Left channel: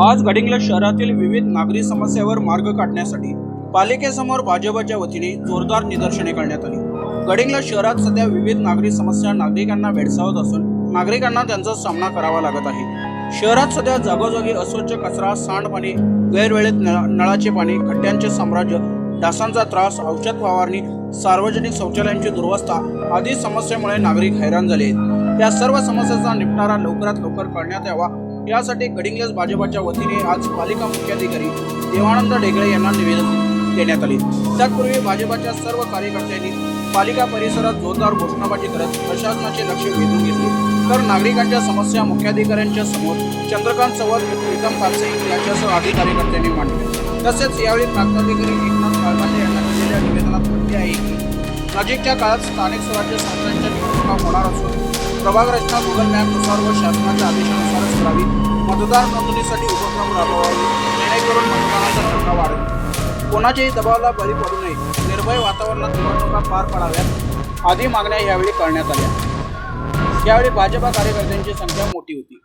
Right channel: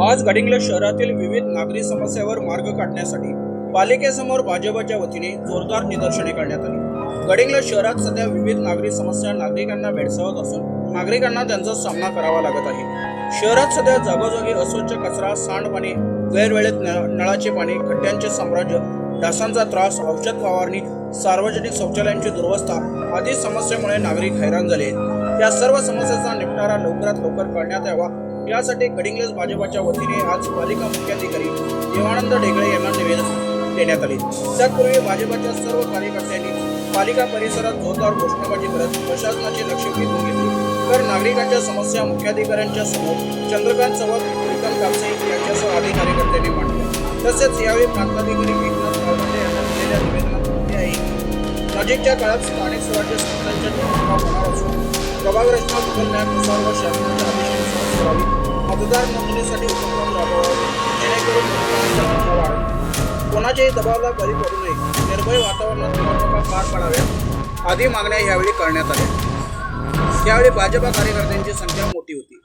आज गडिंग्लज शहरातील विविध नागरी समस्यावर मार्ग काढण्यासाठी पालिकेसमोर भाजपच्या वतीने जोरदार निदर्शने करण्यात आली. गडिंग्लज शहरात सध्या विविध नागरी समस्या नागरिकांना भेडसावत असून नागरिकांना त्यांचा सामना करावा लागत आहे. शहरात सध्या जागोजागी अस्वच्छ कचरा सांडपाणी गैरवेळेत नळाचे पाणी खड्ड्यांचे साम्राज्य डासांचा त्रास औषध फवारणी सार्वजनिक शौचालयांची दुर्वस्था आदी समस्येमुळे नागरिक हैराण झाले आहेत. या सर्व समस्यांचा निपटारा लवकरात लवकर करण्यात यावा यासाठी गडिंग्लज भाजपाच्या वतीने आज पालिका मुख्याधिकारी देवानंद ढेगळे यांना निवेदन देण्यात आले. तत्पूर्वी भाजपाच्या सर्व कार्यकर्त्यांनी पालिका परिसरात जोरदार घोषणाबाजी करत प्रशासनाचे लक्ष वेधून घेतले. तर नागरिकांच्या समस्या मुख्याधिकाऱ्यांच्या समोर चंद्रकांत चव्हाण प्रीतम कापसे यांच्यासह आदी कार्यकर्त्यांनी मांडले. तसेच यावेळी प्रांताधिकारी एकनाथ काळमांडे यांना दिलेल्या निवेदनात म्हटले आहे नजीकच्या काळात स्थानिक स्वराज्य संस्थांच्या निवडणुका होणार असून प्रभाग रचना गुगल मॅपनुसार व शासनाच्या आदेश मतदार नोंदणीसाठी उपक्रम राबवावे. जेणेकरून मतदानाचा टक्का वाढेल. कोणाच्याही दबावाला बळी पडू नये. निर्भय वातावरणात निवडणुका पार पाडाव्या आदी मागण्या यावेळी करण्यात आल्या. यावेळी भाजपा कार्यकर्त्यांची संख्या मोठी होती.